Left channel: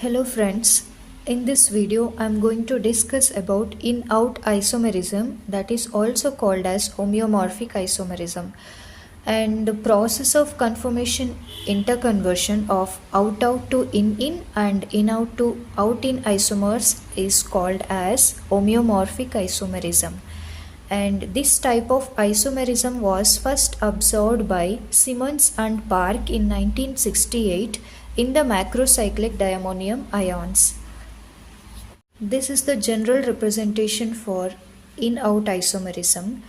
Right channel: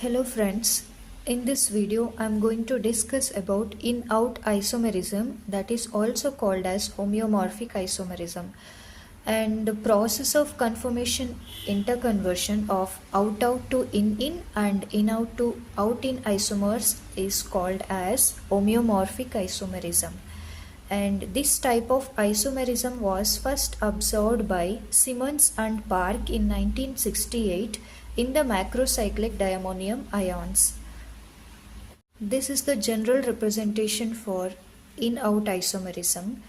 Hello friends, in this video I am going to discuss about in-out isomerism, that is also called as homeomorphic isomerism, and the process of conformation interconversion of out-out to in-in and in-out to out-in isomers is called as homeomorphic isomerism. And this type of isomerism was first observed by Simmons and Park in 1968 in the macrocyclic diammonium ions. This is the general representation for in-out isomerism.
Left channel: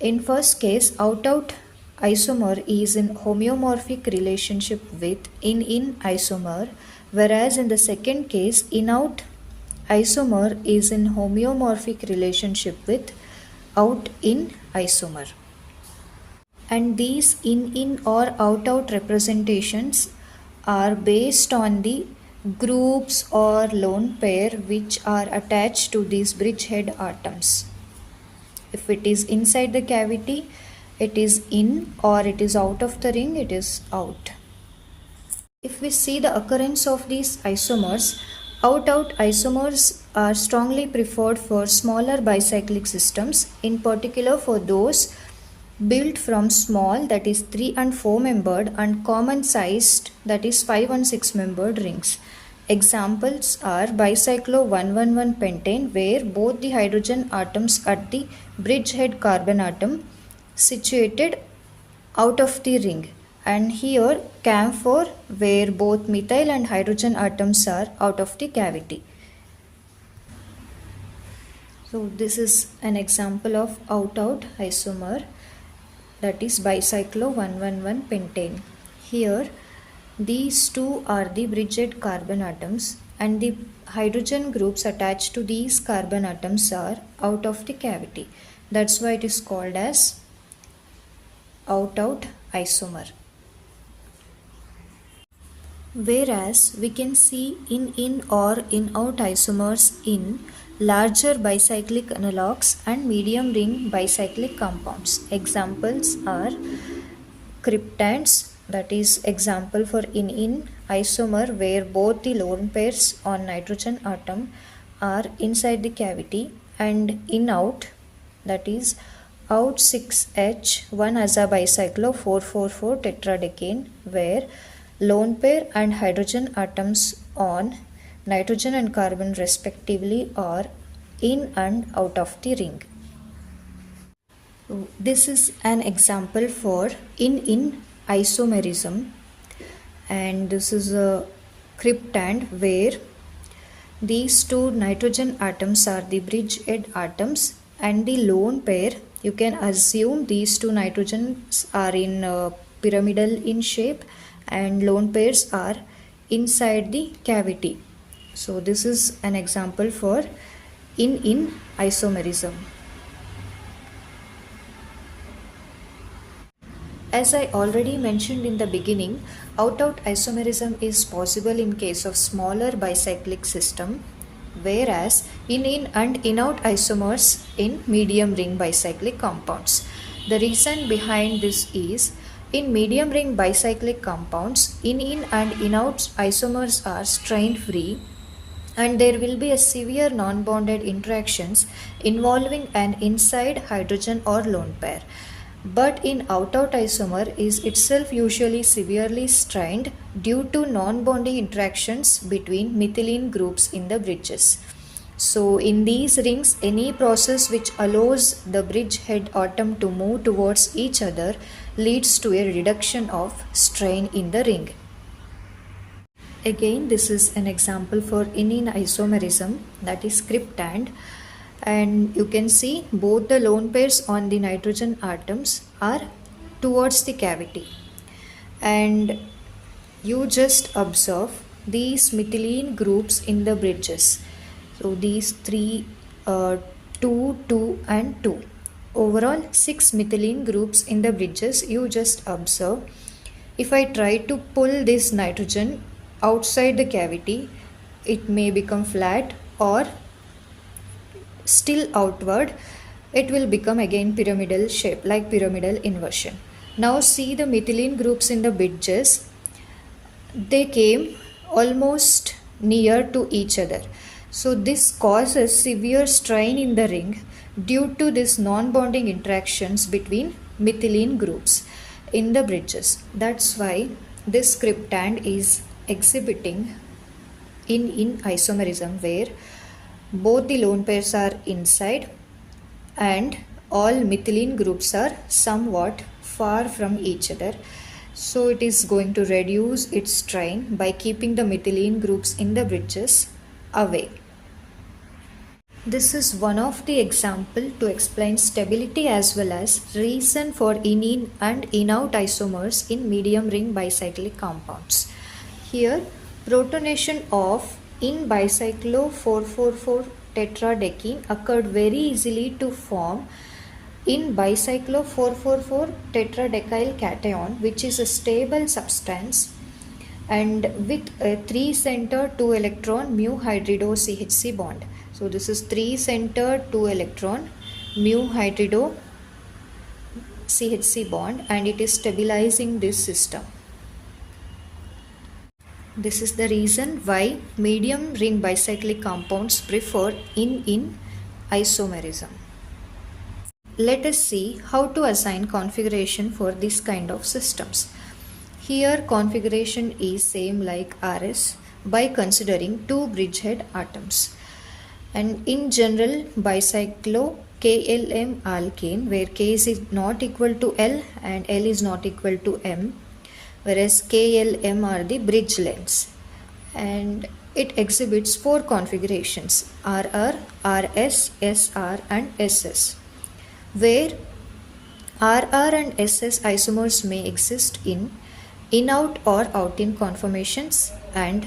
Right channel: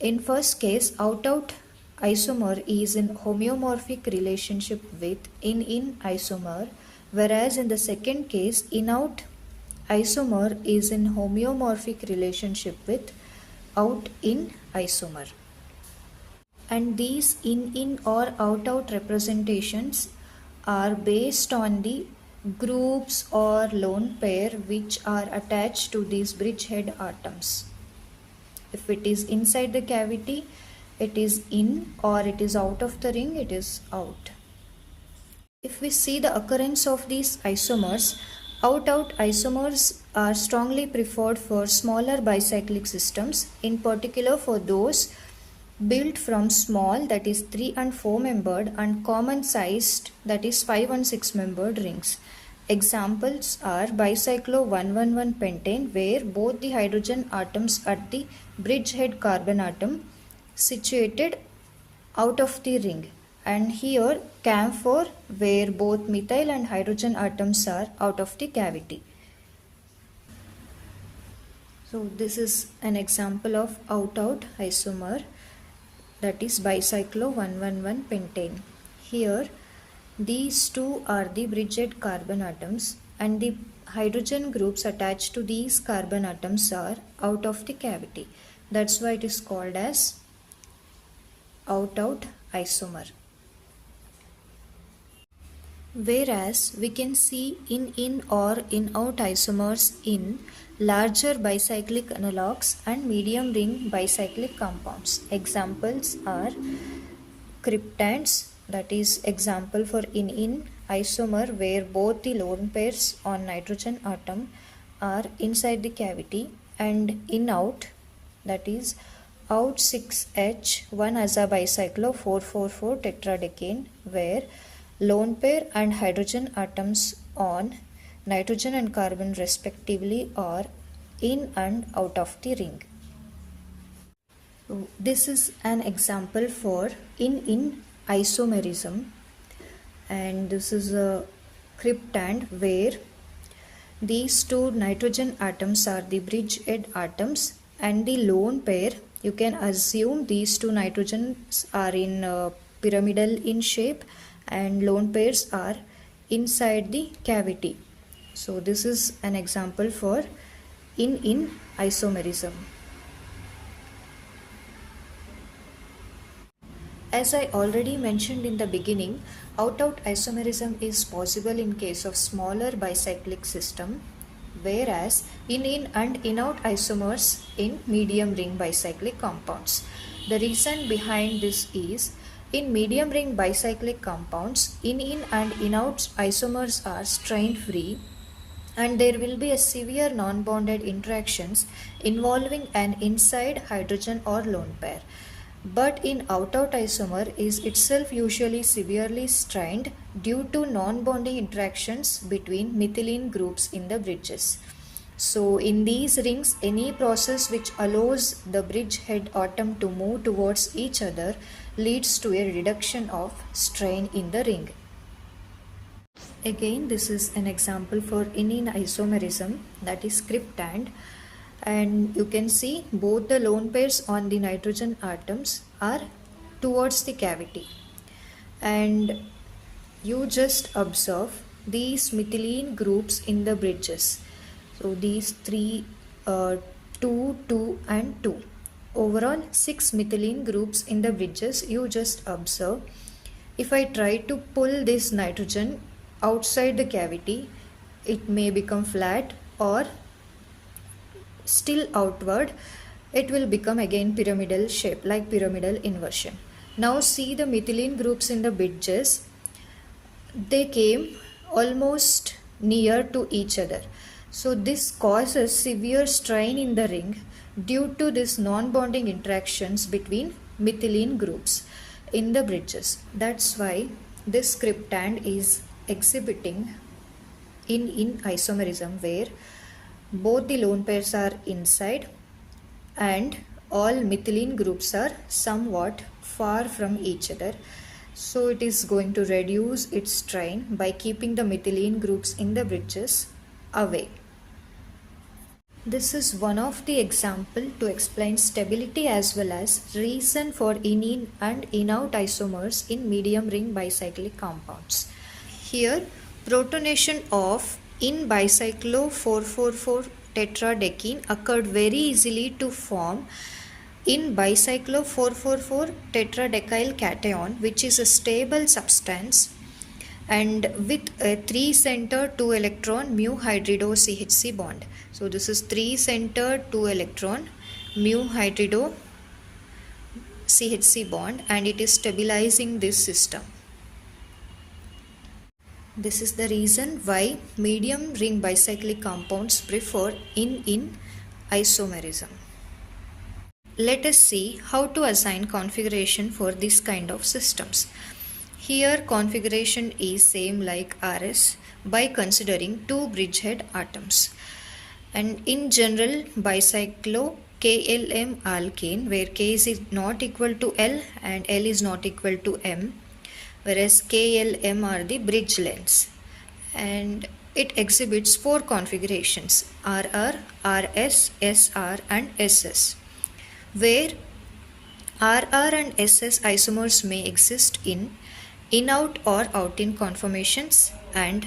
In first case, out-out isomer is in homeomorphic relationship with in-in isomer, whereas in the second case, in-out isomer is in homeomorphic relationship with out-in isomer. And these in-in or out-out representations are based on the groups or lone pair which are attached to these bridgehead atoms. If it is inside the cavity, it is in, or it is out of the ring, it is out. If we see the occurrence of these isomers, out-out isomers are strongly preferred for smaller bicyclic systems, in particular for those built from small, that is 3 and 4 membered, and common sized, that is 5 and 6 membered rings. Examples are bicyclo-111 pentane, where both the hydrogen atoms at the bridgehead carbon atom situated out of the ring, and here camphor, where both methyl and hydrogen atoms are out of the cavity. So this is an example of out-out isomer, that is bicyclo-111 pentane. Here these two are the bridgehead carbon atoms, and the hydrogen groups attached to these carbon atoms are out of the cavity. That's why it is called as out-out isomer. Whereas we can see in-in or in-out isomers in larger bicyclic analogues and medium ring bicyclic compounds. Examples are cryptands, that is example for in-in isomer where both the lone pairs on nitrogen atom are inside the cavity, and in-out, that is out 6H 1-aza bicyclo 4,4,4 tetradecane, where lone pair and hydrogen atoms on nitrogen and carbon respectively are in and out of the ring. This is an example for in-in isomerism, and this is a cryptand where these two nitrogen atoms are the bridgehead atoms, and the lone pair, you can assume these two nitrogens are in pyramidal in shape, and lone pairs are inside the cavity. So this is an example for in-in isomerism. As I already mentioned in the beginning, out-out isomerism is possible in case of smaller bicyclic system, whereas in-in and in-out isomers in medium ring bicyclic compounds. The reason behind this is, in medium ring bicyclic compounds, in-in and in-out isomers are strain free, and there will be a severe non-bonded interactions involving an inside hydrogen or lone pair. But in out-out isomer is itself usually severely strained due to non-bonding interactions between methylene groups in the bridges. So in these rings, any process which allows the bridgehead atom to move towards each other leads to a reduction of strain in the ring. Again, this is an example for in-in isomerism, that is cryptand, and you can see both the lone pairs on the nitrogen atoms are towards the cavity, and you just observe these methylene groups in the bridges. So these three, 2, 2 and 2. Overall 6 methylene groups in the bridges you just observe. If I try to pull this nitrogen outside the cavity, it may become flat, or still outward, it will become again pyramidal shape, like pyramidal inversion. Now see the methylene groups in the bridges. They came almost near to each other. So this causes severe strain in the ring due to this non-bonding interactions between methylene groups in the bridges. That's why this cryptand is exhibiting in isomerism, where both the lone pairs are inside and all methylene groups are somewhat far from each other. So it is going to reduce its strain by keeping the methylene groups in the bridges away. This is one of the example to explain stability as well as reason for in and in-out isomers in medium ring bicyclic compounds. Here, protonation of in bicyclo 444 tetradecene occurred very easily to form in bicyclo 444 tetradecyl cation, which is a stable substance and with a 3 center 2 electron mu hydrido CHC bond. So this is 3 center 2 electron mu hydrido CHC bond, and it is stabilizing this system. This is the reason why medium ring bicyclic compounds prefer in isomerism. Let us see how to assign configuration for this kind of systems. Here configuration is same like RS by considering two bridgehead atoms. And in general bicyclo KLM alkane, where K is not equal to L and L is not equal to M, whereas KLM are the bridge lengths, and it exhibits four configurations: RR, RS, SR and SS, where RR and SS isomers may exist in-out or out-in conformations, and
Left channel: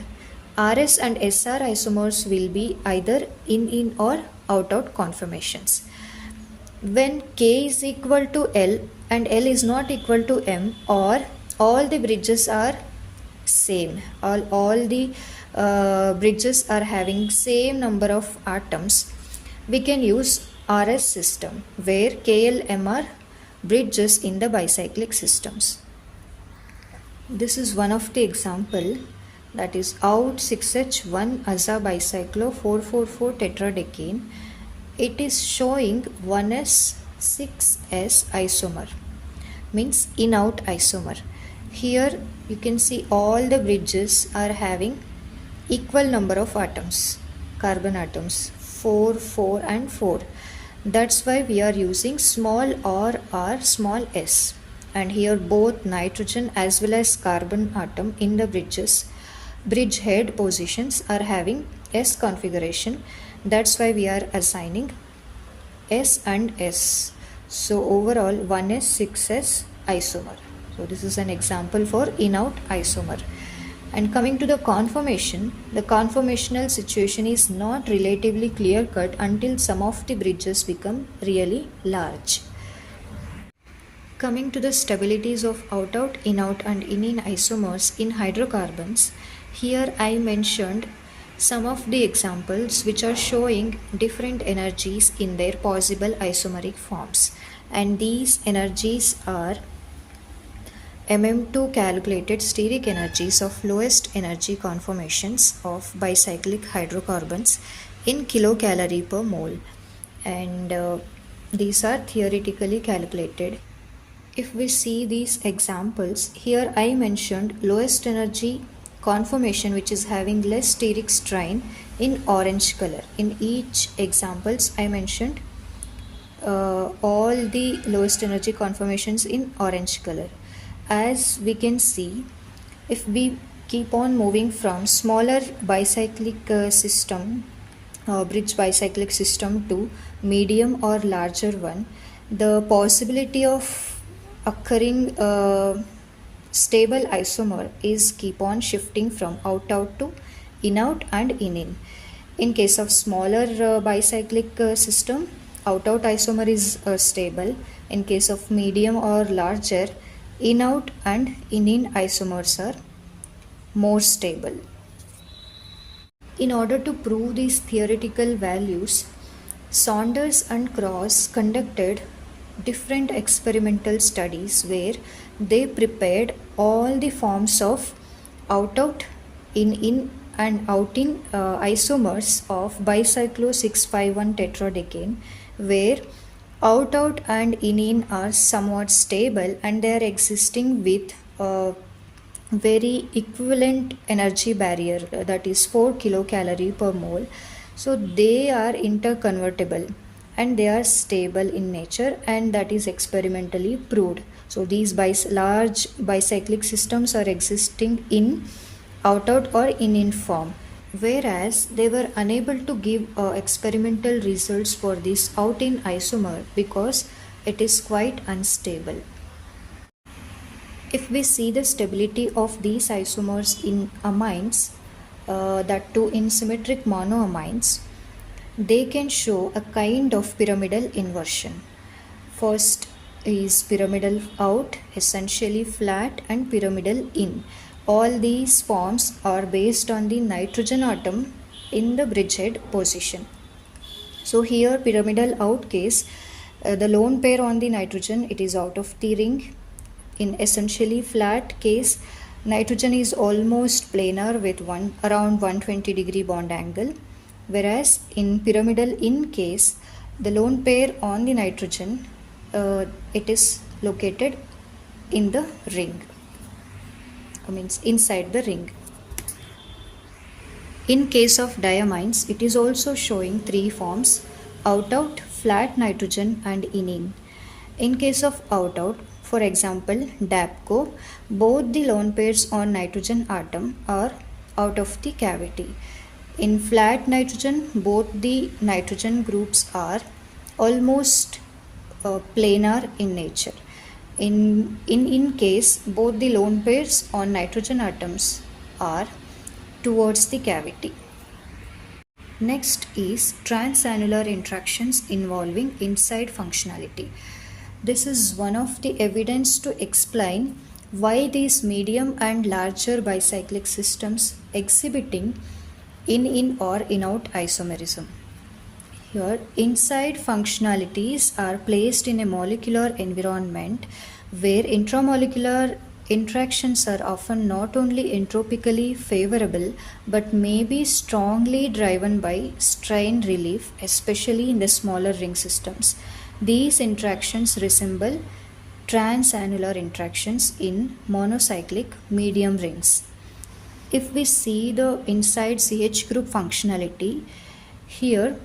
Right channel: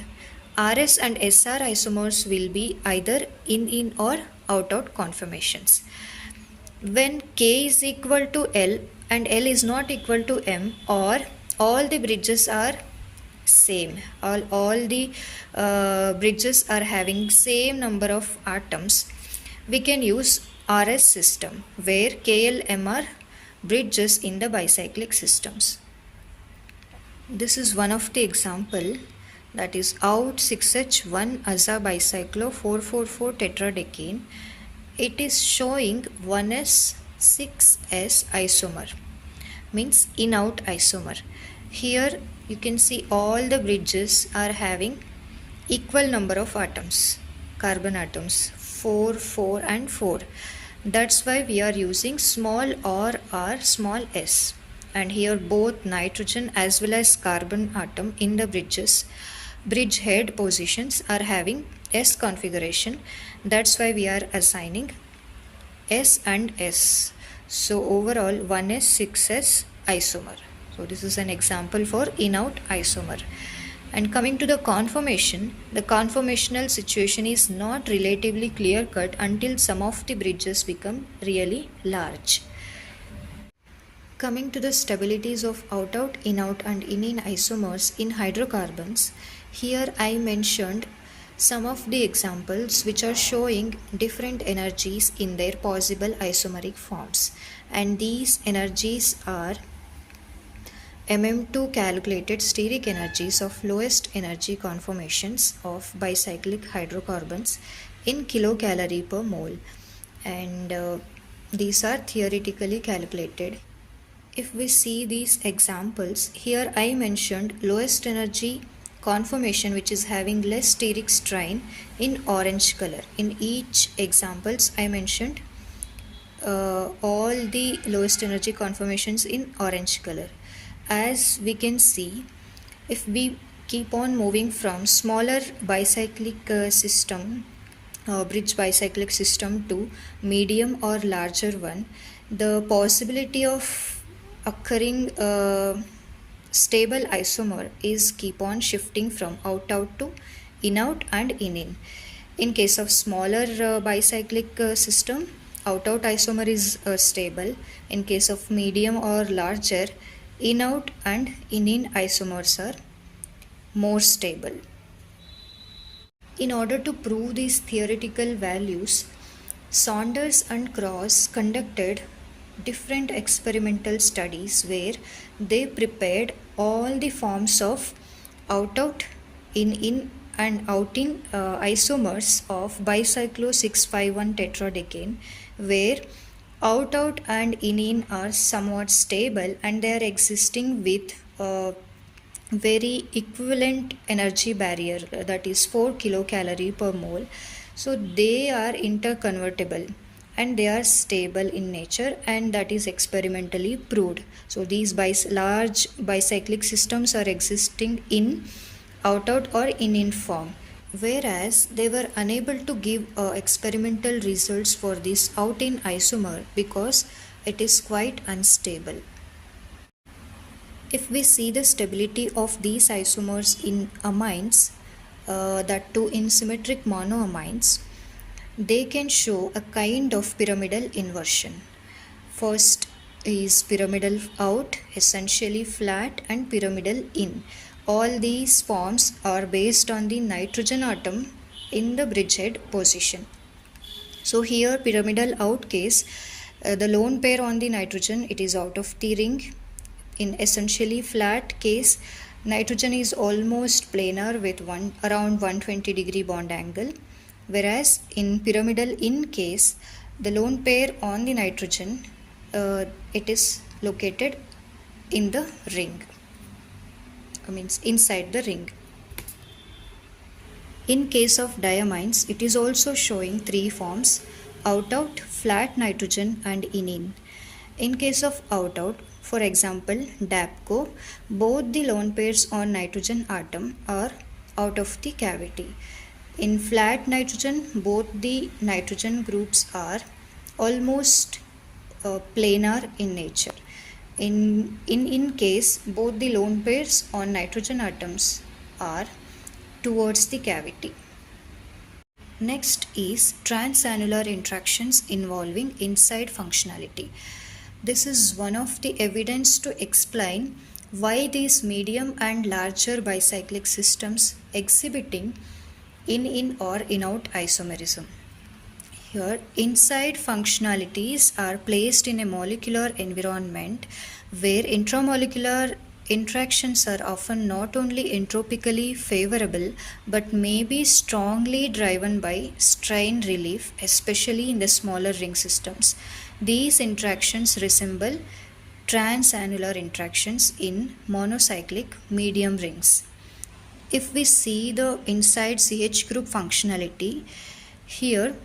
RS and SR isomers will be either in or out-out conformations. When K is equal to L and L is not equal to M, or all the bridges are same, all the bridges are having same number of atoms, we can use RS system, where KLM are bridges in the bicyclic systems. This is one of the example, that is out 6H1 aza bicyclo 444 tetradecene. It is showing 1s 6s isomer, means in-out isomer. Here you can see all the bridges are having equal number of atoms, carbon atoms, 4, 4 and 4. That's why we are using small r small s, and here both nitrogen as well as carbon atom in the bridge head positions are having S configuration. That's why we are assigning S and S. So overall 1s 6s isomer. So this is an example for in-out isomer. And coming to the conformation, the conformational situation is not relatively clear-cut until some of the bridges become really large. Coming to the stabilities of out-out, in-out and in isomers in hydrocarbons, here I mentioned some of the examples which are showing different energies in their possible isomeric forms, and these energies are MM2 calculated steric energies of lowest energy conformations of bicyclic hydrocarbons in kilocalorie per mole, and these are theoretically calculated. If we see these examples, here I mentioned lowest energy conformation which is having less steric strain in orange color. In each examples I mentioned all the lowest energy conformations in orange color. As we can see, if we keep on moving from smaller bicyclic system or bridge bicyclic system to medium or larger one, the possibility of occurring stable isomer is keep on shifting from out-out to in-out and in. In case of smaller bicyclic system, out-out isomer is stable. In case of medium or larger, in-out and in isomers are more stable. In order to prove these theoretical values, Saunders and Cross conducted different experimental studies where they prepared all the forms of out-out, in and out-in isomers of bicyclo-651 tetradecane, where out-out and in-in are somewhat stable and they are existing with very equivalent energy barrier, that is 4 kilocalorie per mole. So they are interconvertible and they are stable in nature, and that is experimentally proved. So these large bicyclic systems are existing in out-out or in form, whereas they were unable to give experimental results for this out-in isomer because it is quite unstable. If we see the stability of these isomers in amines, that too in symmetric monoamines, they can show a kind of pyramidal inversion. First is pyramidal out, essentially flat, and pyramidal in. All these forms are based on the nitrogen atom in the bridgehead position. So here pyramidal out case, the lone pair on the nitrogen, it is out of the ring. In essentially flat case, nitrogen is almost planar with around 120-degree bond angle, whereas in pyramidal in case, the lone pair on the nitrogen, it is located in the ring, means inside the ring. In case of diamines, it is also showing three forms: out-out, flat nitrogen, and in. In case of out-out, for example, DAPCO, both the lone pairs on nitrogen atom are out of the cavity. In flat nitrogen, both the nitrogen groups are almost planar in nature. In case, both the lone pairs on nitrogen atoms are towards the cavity. Next is transannular interactions involving inside functionality. This is one of the evidence to explain why these medium and larger bicyclic systems exhibiting in or in-out isomerism. Here, inside functionalities are placed in a molecular environment where intramolecular interactions are often not only entropically favorable but may be strongly driven by strain relief, especially in the smaller ring systems. These interactions resemble transannular interactions in monocyclic medium rings. If we see the inside CH group functionality, here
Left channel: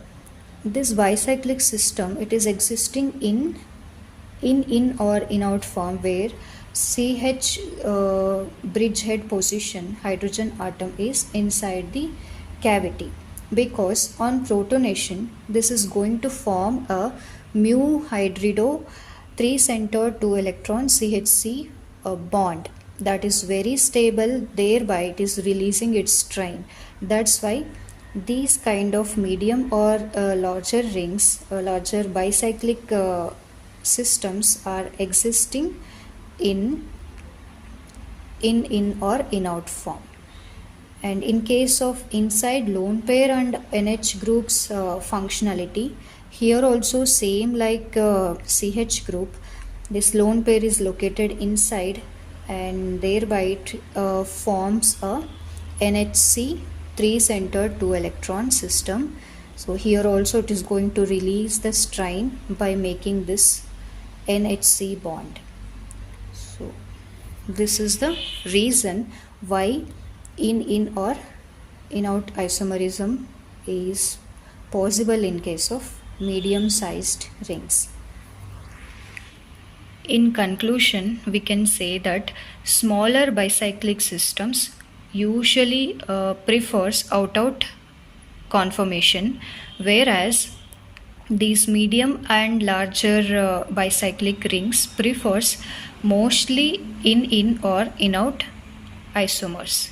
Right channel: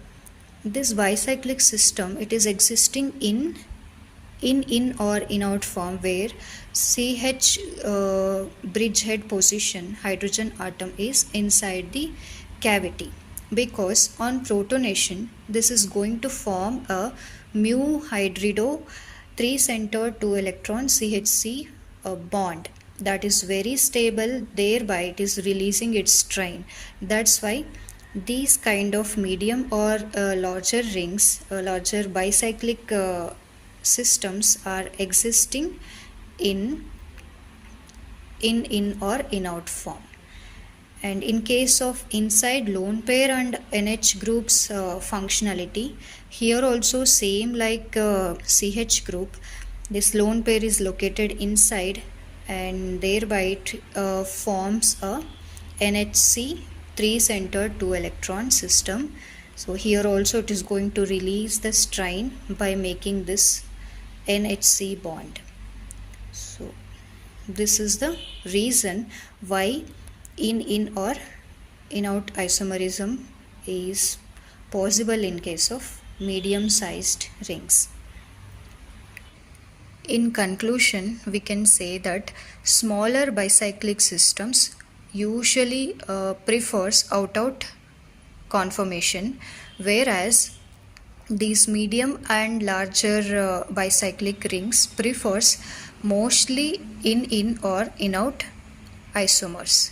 this bicyclic system, it is existing in or in out form where CH bridgehead position hydrogen atom is inside the cavity, because on protonation this is going to form a mu hydrido 3-centered 2-electron CHC bond that is very stable, thereby it is releasing its strain. That's why these kind of medium or larger rings, larger bicyclic systems are existing in or in out form. And in case of inside lone pair and NH groups functionality, here also same like CH group, this lone pair is located inside and thereby it forms a NHC 3-centered 2-electron system. So here also it is going to release the strain by making this NHC bond. So this is the reason why in or in out isomerism is possible in case of medium sized rings. In conclusion, we can say that smaller bicyclic systems usually prefers out-out conformation, whereas these medium and larger bicyclic rings prefers mostly in or in out isomers,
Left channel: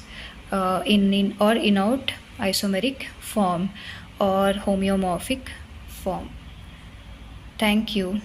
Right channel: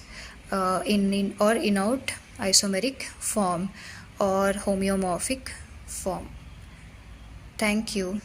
in or in out isomeric form or homeomorphic form. Thank you.